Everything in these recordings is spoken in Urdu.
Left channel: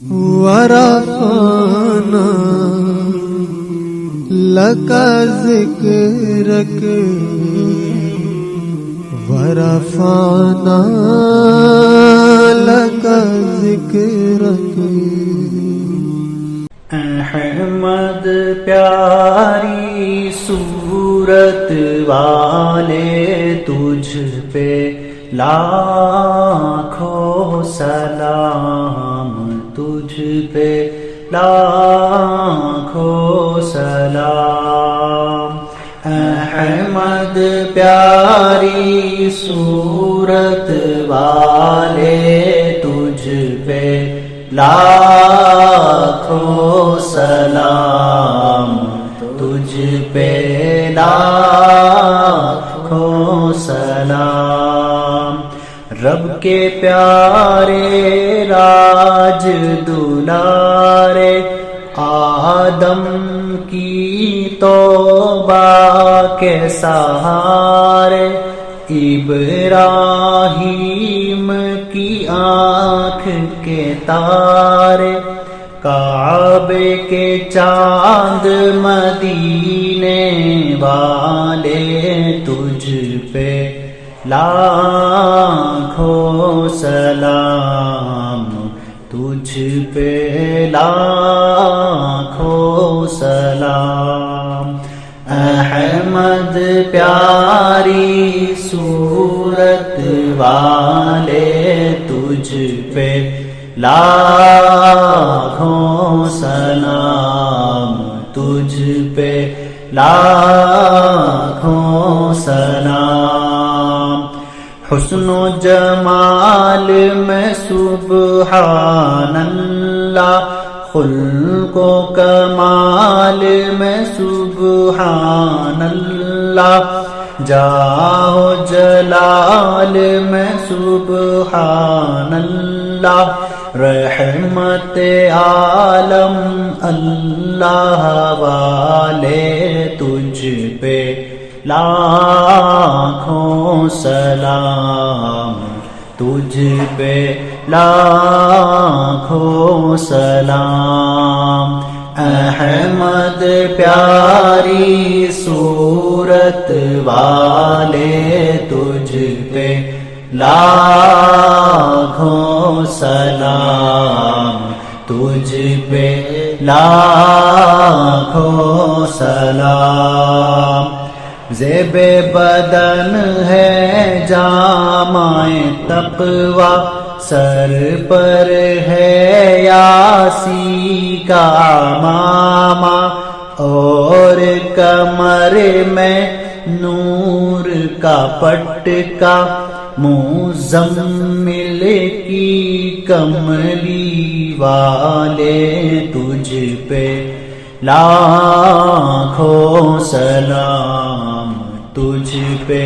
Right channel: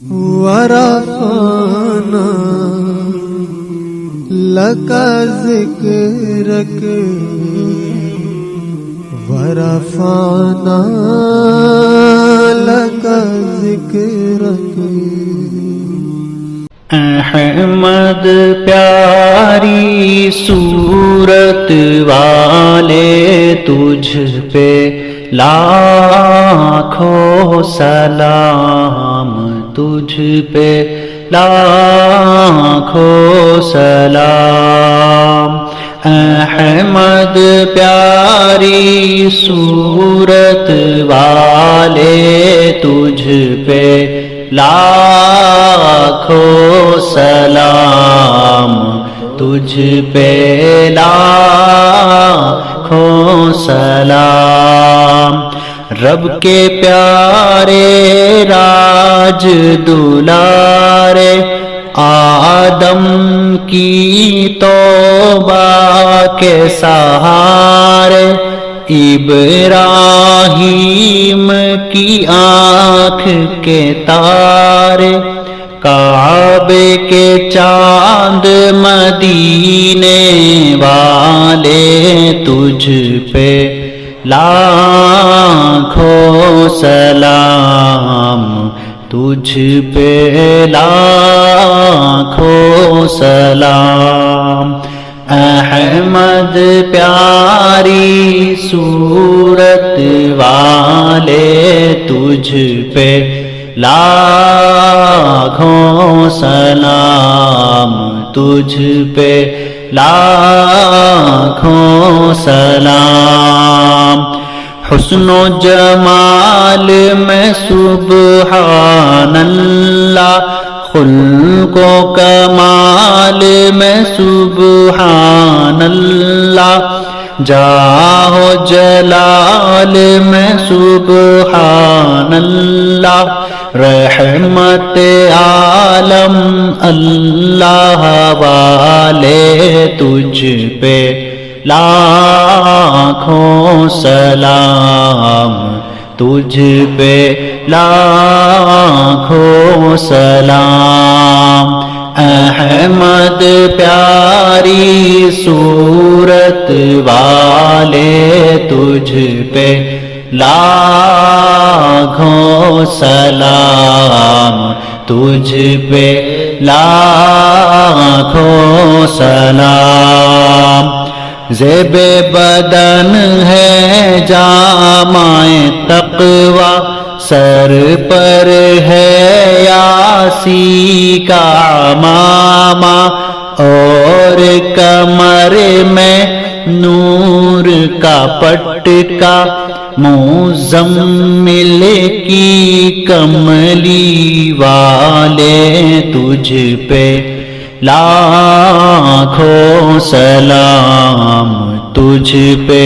ورفعنا لك ذكرك ورفعنا لك ذكرك احمد پیاری صورت والے تجھ پہ لاکھوں سلام، تجھ پہ لاکھوں سلام۔ احمد پیاری صورت والے تجھ پہ لاکھوں سلام، تجھ پہ لاکھوں سلام۔ رب کے پیارے راج دلارے آدم کی توبہ کے سہارے، ابراہیم کی آنکھ کے تارے، کعبے کے چاند مدینے والے تجھ پہ لاکھوں سلام، تجھ پہ لاکھوں سلام۔ احمد پیاری صورت والے تجھ پہ لاکھوں سلام، تجھ پہ لاکھوں سلام۔ حسن و جمال میں سبحان اللہ، خلق و کمال میں سبحان اللہ، جاہ و جلال میں سبحان اللہ، رحمت عالم اللہ والے تجھ پہ لاکھوں سلام، تجھ پہ لاکھوں سلام۔ احمد پیاری صورت والے تجھ پہ لاکھوں سلام، تجھ پہ لاکھوں سلام۔ زیب بدن ہے جامع تقوی، سر پر ہے یاسی کا عمامہ، اور کمر میں نور کا پٹکا، مزمل کی کملی والے تجھ پہ لاکھوں سلام، تجھ پہ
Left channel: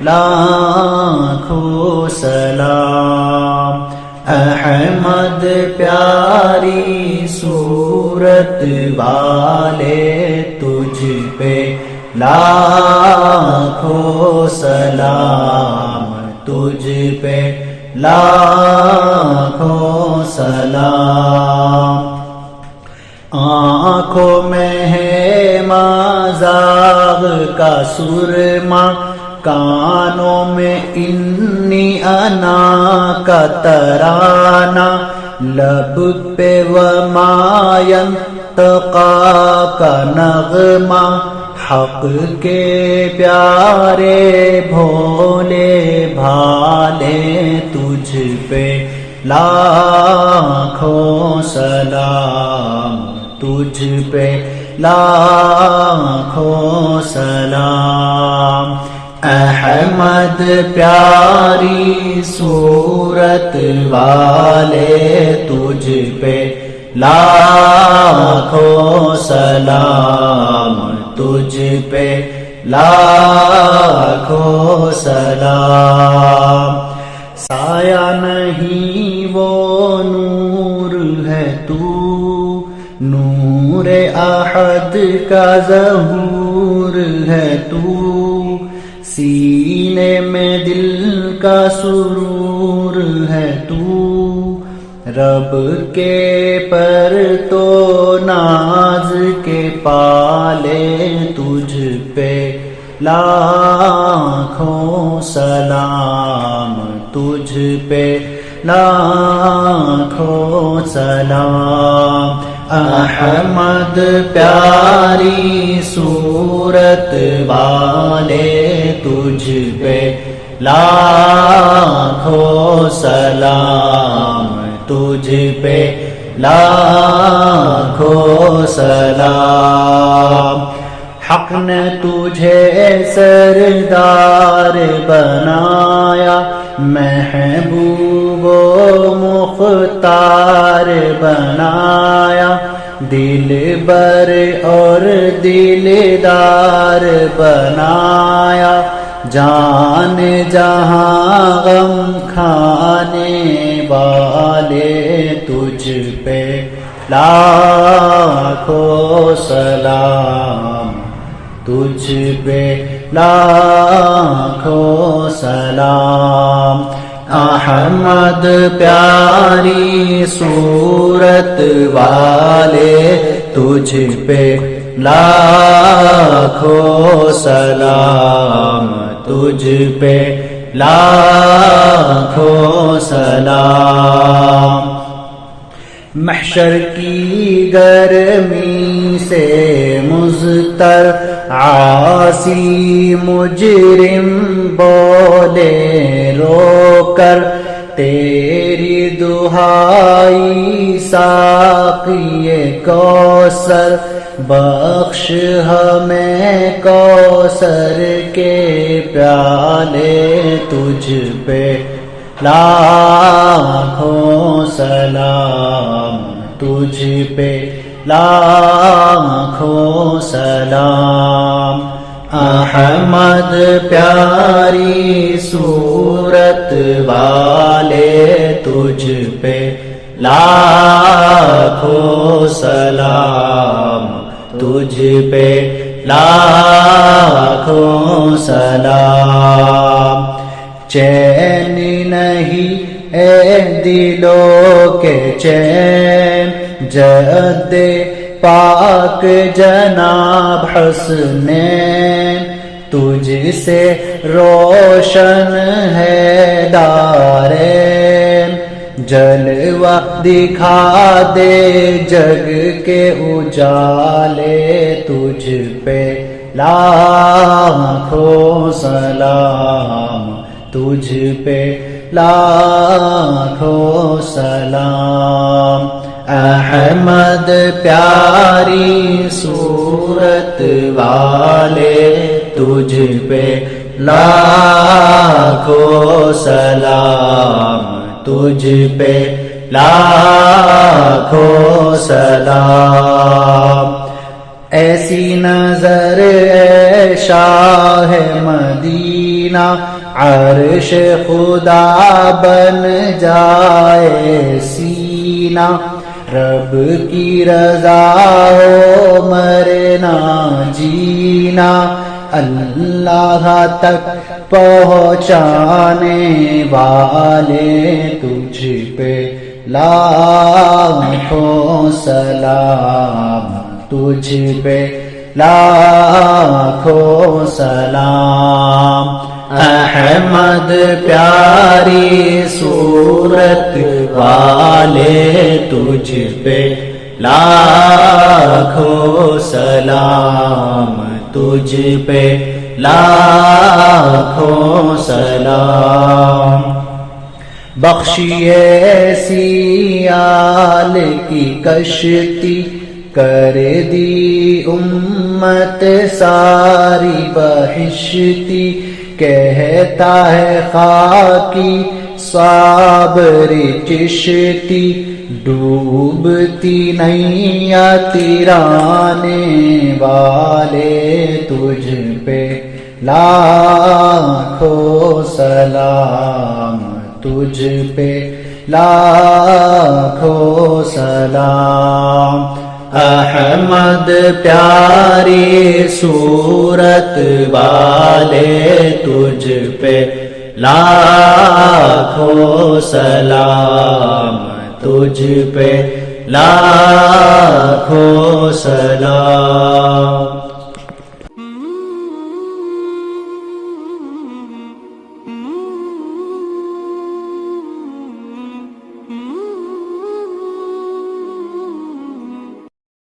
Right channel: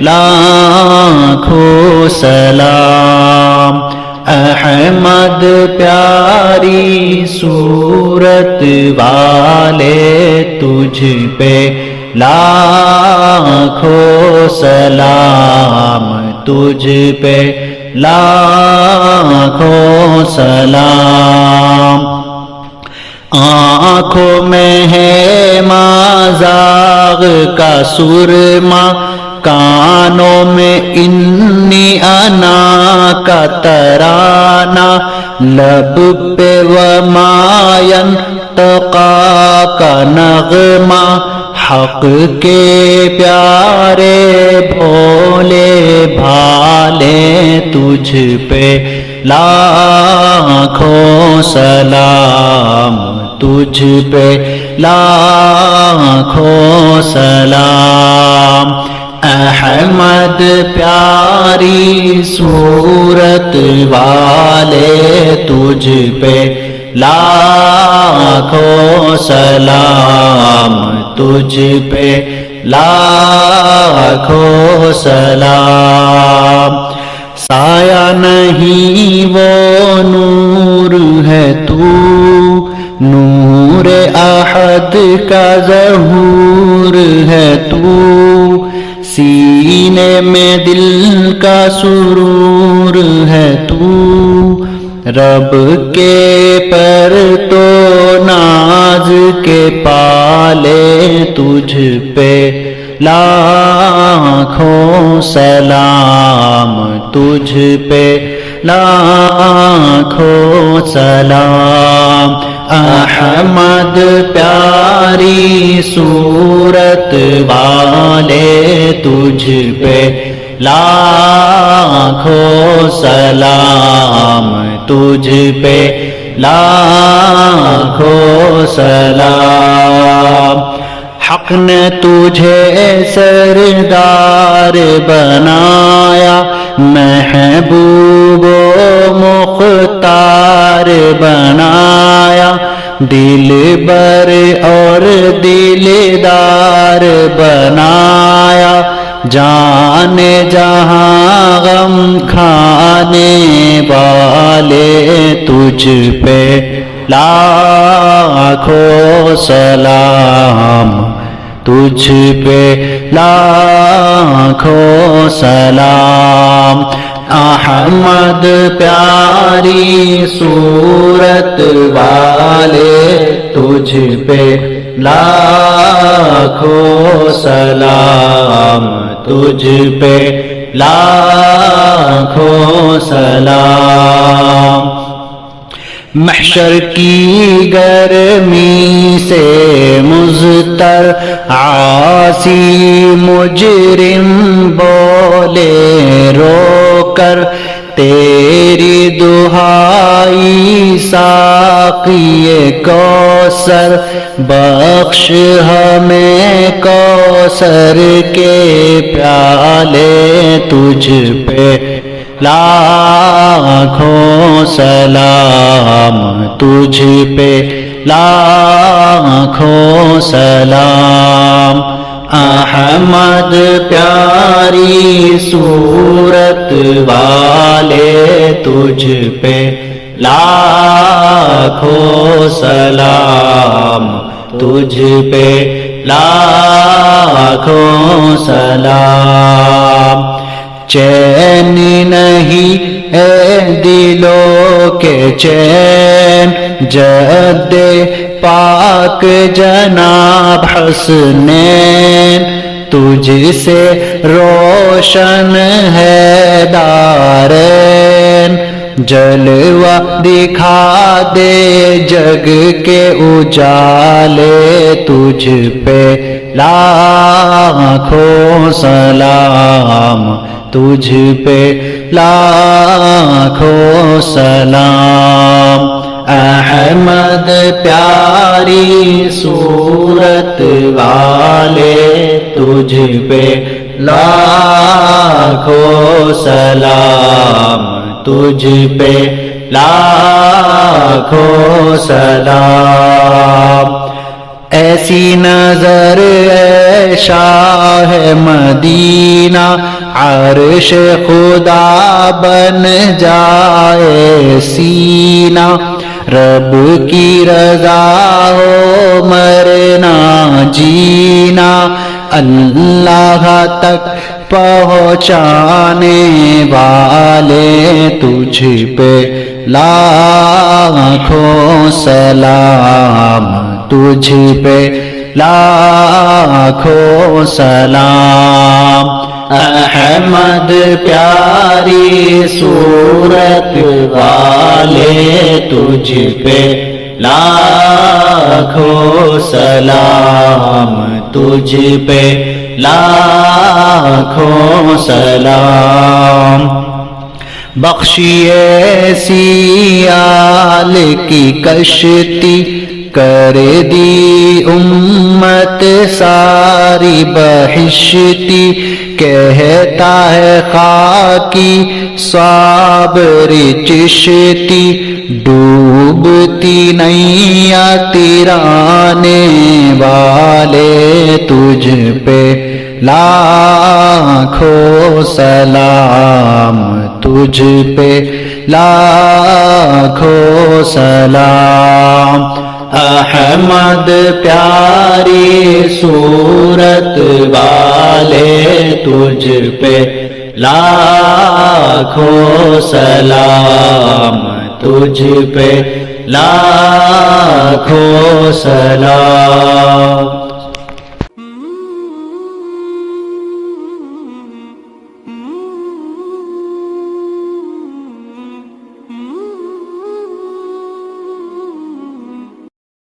لاکھوں سلام۔ احمد پیاری صورت والے تجھ پہ لاکھوں سلام، تجھ پہ لاکھوں سلام۔ آنکھوں میں ہے مازاغ کا سرما، کانوں میں انی انا کا ترانہ، لب پہ وما ینطقا کا نغمہ، حق کے پیارے بھولے بھالے تجھ پہ لاکھوں سلام، تجھ پہ لاکھوں سلام۔ احمد پیاری صورت والے تجھ پہ لاکھوں سلام، تجھ پہ لاکھوں سلام۔ سایہ نہیں وہ نور ہے تو، نور احد کا ظہور ہے تو، سینے میں دل کا سرور ہے تو، رب کے پر تو ناز کے پالے تجھ پہ لاکھوں سلام، تجھ پہ لاکھوں سلام۔ احمد پیاری صورت والے تجھ پہ لاکھوں سلام، تجھ پہ لاکھوں سلام۔ حق نے تجھے سردار بنایا، محبوب و مختار بنایا، دلبر اور دلدار بنایا، جان جہاں غم کھانے والے تجھ پہ لاکھوں سلام، تجھ پہ لاکھوں سلام۔ احمد پیاری صورت والے تجھ پہ لاکھوں سلام، تجھ پہ لاکھوں سلام۔ محشر کی گرمی سے مضطر عاصی مجرم بولے رو کر، تیری دہائی ساقی کوثر، بخش ہمیں کوثر کے پیالے تجھ پہ لاکھوں سلام، تجھ پہ لاکھوں سلام۔ احمد پیاری صورت والے تجھ پہ لاکھوں سلام، تجھ پہ لاکھوں سلام۔ چین نہیں اے دلوں کے چین، جد پاک جناب حسنین، تجھ سے روشن ہے دارین، جلوہ دکھا دے جگ کے اجالے تجھ پہ لاکھوں سلام، تجھ پہ لاکھوں سلام۔ احمد پیاری صورت والے تجھ پہ لاکھوں سلام، تجھ پہ لاکھوں سلام۔ ایسی نظر اے شاہ مدینہ، عرش خدا بن جائے سینہ، رب کی رضا ہو مرنا جینا، اللہ تک پہنچانے والے تجھ پہ لاکھوں سلام، تجھ پہ لاکھوں سلام۔ احمد پیاری صورت والے تجھ پہ لاکھوں سلام، تجھ پہ لاکھوں سلام۔ بخشیے سیال کی کشتی، کر دی امت ساری بہشتی، کہتا ہے خاکی صابری چشتی، ڈوبتی نیا تیرانے والے تجھ پہ لاکھوں سلام، تجھ پہ لاکھوں سلام۔ احمد پیاری صورت والے تجھ پہ لاکھوں سلام، تجھ پہ لاکھوں سلام.